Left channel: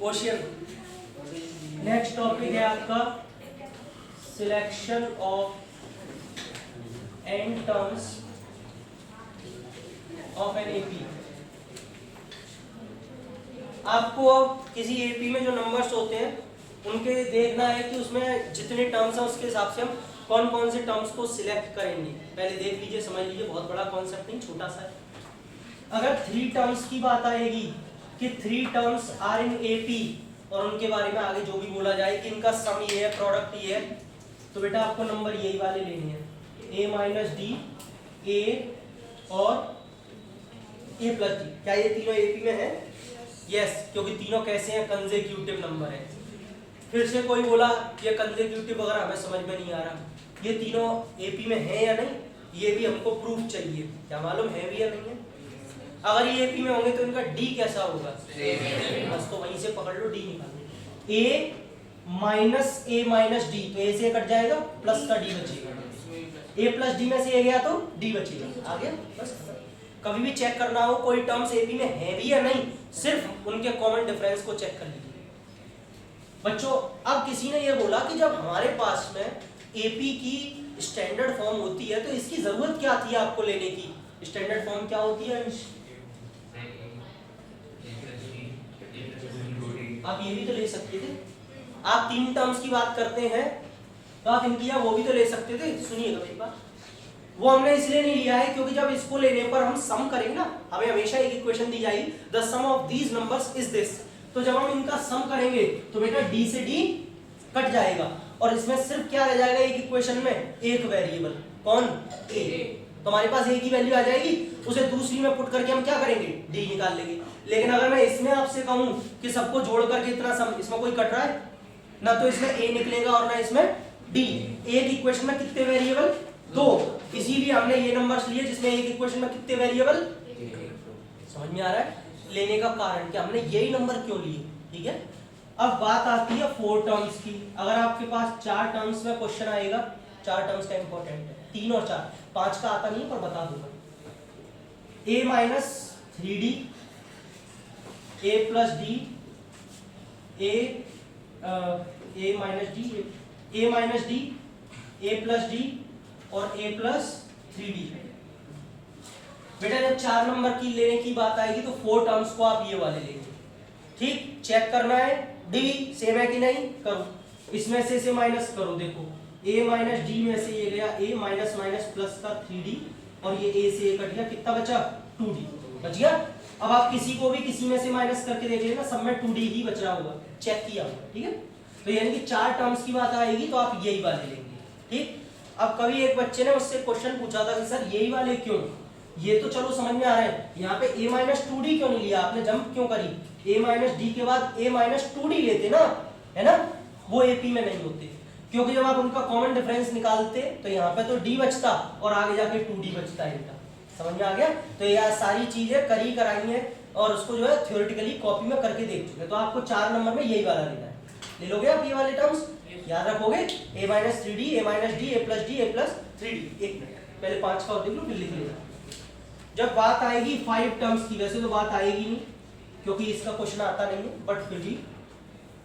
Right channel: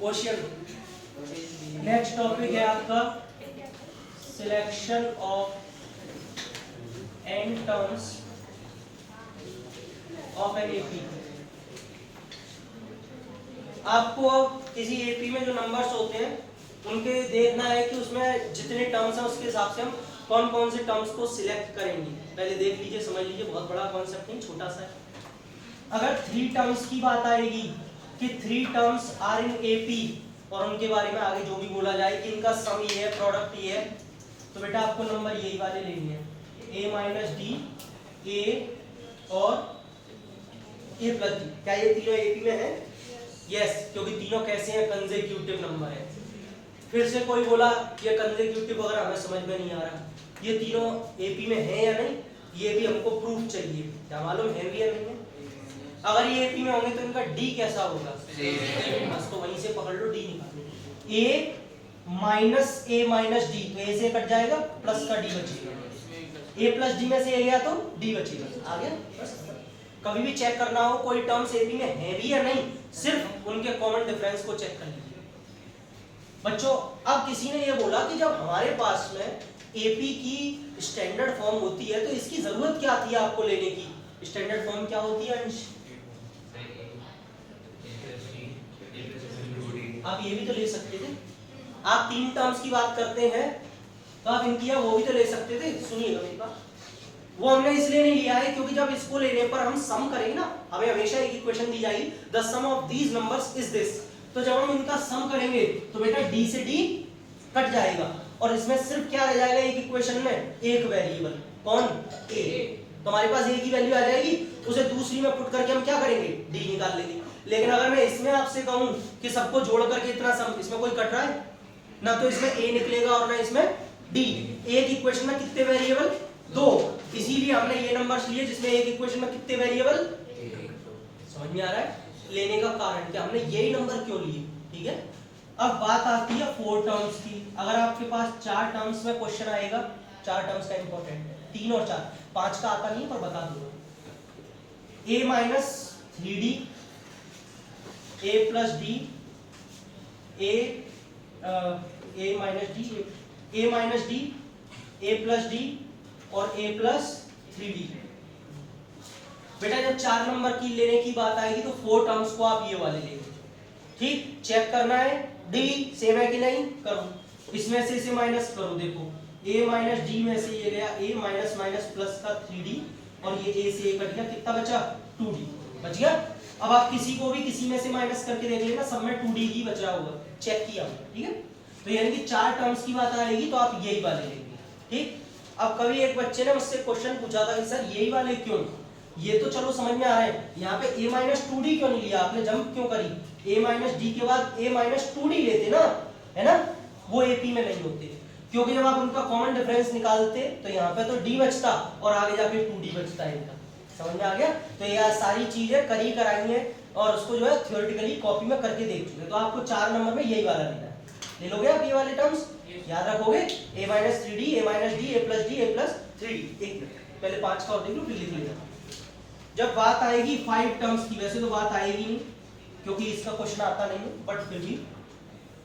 Question. Next topic है आपका selection of n terms of an AP. आपको किसी एपी में जो नंबर्स होते हैं उनके देखना है कि उसमें जितने टर्म्स हैं उसके हिसाब से हम कौन कौन से टर्म्स को सिलेक्ट करेंगे। पहले देख लीजिए, समझ लीजिए, बहुत बड़ा कॉन्सेप्ट नहीं, छोटा सा है। अगर 3 टर्म्स की बात आएगी कि 3 टर्म्स आर इन एपी और उनके बारे में आगे जो भी बोला जाए कि इनका सम ये है, प्रोडक्ट ये है, तो बेटा आपको नंबर यही वाले लेने हैं, a माइनस डी, ए और a प्लस डी। क्या ये तीनों एपी में है? यस, क्योंकि तीनों कैसे हैं? कंसेक्यूटिव नंबर है। फिर से कोई बोला ये कंसेक्यूटिव वगैरह हमें समझ में नहीं आ रहा, ये तीनों एपी में है या नहीं, ये भी हमको प्रूफ चाहिए। क्या मालूम है भी या नहीं है? अगर ये एपी में होंगे तो इनका डी कैसा होगा? बस तो वहीं से पकड़ लो, डी निकालो। ए माइनस डी, तो ए से कट जाएगा, प्लस का डी बचेगा। ए प्लस डी में से ए गया तो डी बचेगा, आ गया। बस कभी भी चेक करना हो कोई टर्म्स एपी में है भी या नहीं, सिर्फ उनके कॉमन डिफरेंस को चेक कर लीजिए बच्चों। अब किसी ने ये बोला कि जब हमारे पास में एपी की स्टैंडर्ड फॉर्म होती है तो इसकी जरूरत क्या थी आपको लेने की? स्टैंडर्ड फॉर्म क्या होती है अंश? आप ये भी तो ले सकते थे। आप 3 टर्म्स की बात करते हैं तो आप इनकी वो भी तो ले सकते थे। सुनिएगा मेरी बात, वो हमने इसलिए नहीं लिया है क्योंकि जब इसको लेने पर हम सम करेंगे ना, हमें हमेशा एक इक्वेशन दी जाएगी, the sum of these numbers is this. तो जब हम इनका सम करेंगे तो बेटा डी से डी कट जाएगा और इसमें सिर्फ क्या रह जाएगा एक इक्वेशन में? एक वेरिएबल। कौन? ए। तो हमारे पास ए की वैल्यू आ जाएगी, उसे दूसरी में पुट करके हम क्या करेंगे? डी निकाल लेंगे। लेकिन अगर मैं इसमें आपसे कहूं कि सबको जोड़ करके इतना सम, इसमें कोई कट रहा है ना, तो इसमें ए निकलेगा और ना इसमें डी। एक इक्वेशन में कितने वेरिएबल? 2। इसीलिए हमने ये नंबर्स लिए जिसमें एक इक्वेशन में कितने वेरिएबल? समझ में आ रहा है लेने का कारण? क्या हमने यही नंबर क्यों लिए? ठीक है। अब बात आती है 4 टर्म्स की। अगर आपके पास 4 टर्म्स में क्वेश्चन आएगा, 4 टर्म्स का इंपॉर्टेंट है, 3 और 4, 5 का आता नहीं पर बता दूंगा। a minus 3d, a plus D, a minus D, a plus D और a प्लस 3d। बेटा जब 4 नंबर की लेने की बात आएगी तो 4 टर्म्स को आप ये वाले लेंगे। ठीक, चेक करना है डी सेम है कि नहीं, करो। इसमें से माइनस करो, देखो a माइनस डी में से ये गया a माइनस माइनस प्लस का 3d और ये a से a कट गया, कितना बचा? 2d बच गया। अब आप किसी को भी किसी में से माइनस करके देख लेना, सब में 2d ही बच रहा होगा, चेक किया। ठीक है, तो यानी कि 4 टर्म्स की बात आएगी तो आप यही वाले लेंगे। ठीक। अब कभी एक बच्चे ने मुझसे क्वेश्चन पूछा था कि सर यही वाले क्यों? ये तो चलो समझ में आ रहा है, यहाँ पे a माइनस 2d क्यों नहीं लिया आपने? जंप क्यों करी? a माइनस डी के बाद a माइनस 2d लेते ना, है ना? वो एपी में नहीं होते, क्योंकि जब आप उनका कॉमन डिफरेंस निकालते तो यहाँ पे तो d बचता और आगे जाके 2d बचता है इनका। समझ में आ गया? तो ये सारी चीजें करी कराई है और उसको जो है थ्योरेटिकली कॉपी में करके देख चुके। तो आपको 4 नंबर में यही वाला लेना है। ले लोगे आप ये वाले टर्म्स? याद रखोगे a minus 3d, a minus D, a plus D, a plus 3d। एक मिनट पहले 5 का और देख लो फिर लिख लेगा। जब बात आएगी 5 टर्म्स की, वैसे तो बात आएगी नहीं क्योंकि इसका क्वेश्चन आता नहीं है, बट फिर भी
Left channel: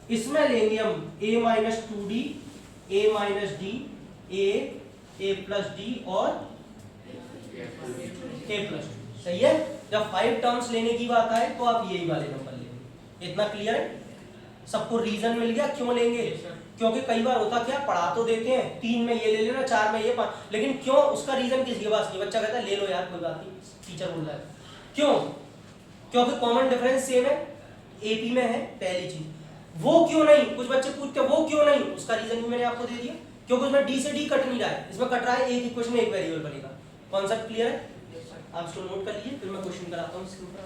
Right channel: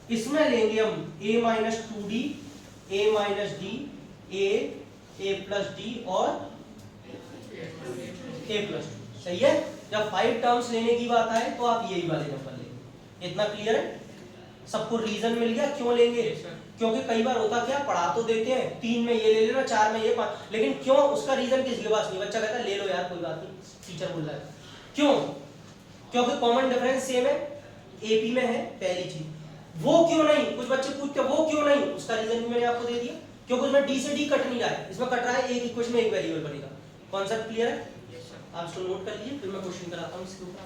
इसमें लेंगे हम a minus 2d, a minus D, a plus D और a प्लस डी। सही है। जब 5 टर्म्स लेने की बात आए तो आप यही वाले नंबर लेंगे। इतना क्लियर है? सबको रीजन मिल गया क्यों लेंगे? क्योंकि कई बार होता क्या, पढ़ा तो देते हैं 3 में ये ले लेना, 4 में ये, 5, लेकिन क्यों उसका रीजन किसी के पास नहीं। बच्चा कहता है ले लो यार कोई बात नहीं, टीचर बोल रहा है। क्यों? क्योंकि कॉमन डिफरेंस सेम है, एपी में है, पहली चीज। वो क्यों नहीं, कुछ बच्चे पूछते हैं वो क्यों नहीं, उसका रीजन भी मैंने आपको दे दिया, क्योंकि उसमें डी से डी कट नहीं रहा है, इसमें कट रहा है एक इक्वेशन में एक वेरिएबल बनेगा। कॉन्सेप्ट क्लियर है? आप इसको नोट कर लीजिए, फिर मैं क्वेश्चन कराता हूँ इसके ऊपर।